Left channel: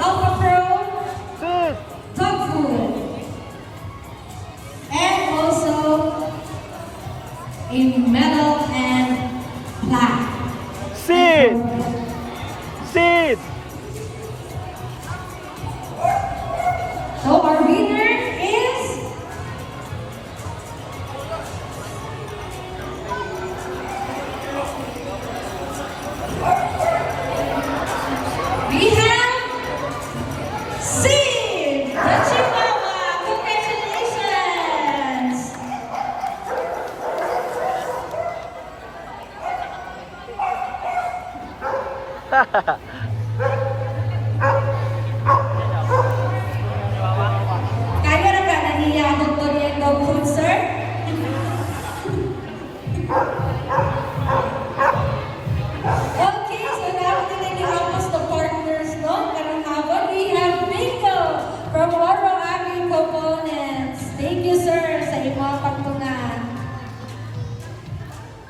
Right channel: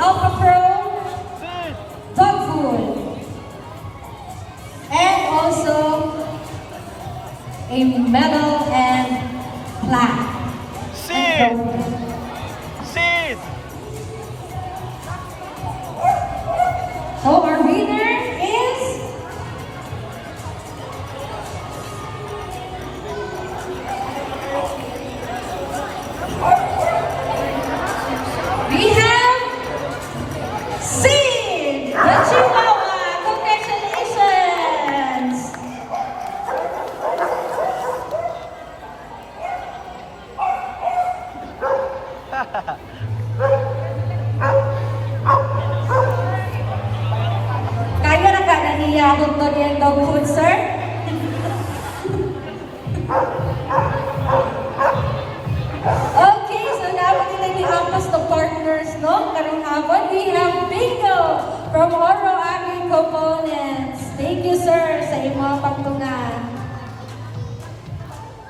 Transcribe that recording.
Alpha Pro Sit! Dog Food. And also a medal and plaque. Sit! Sit! So our winner is we have Sid, the Chihuahua. Congratulations! Kaya na ka naniyakot to niya dog food, sir?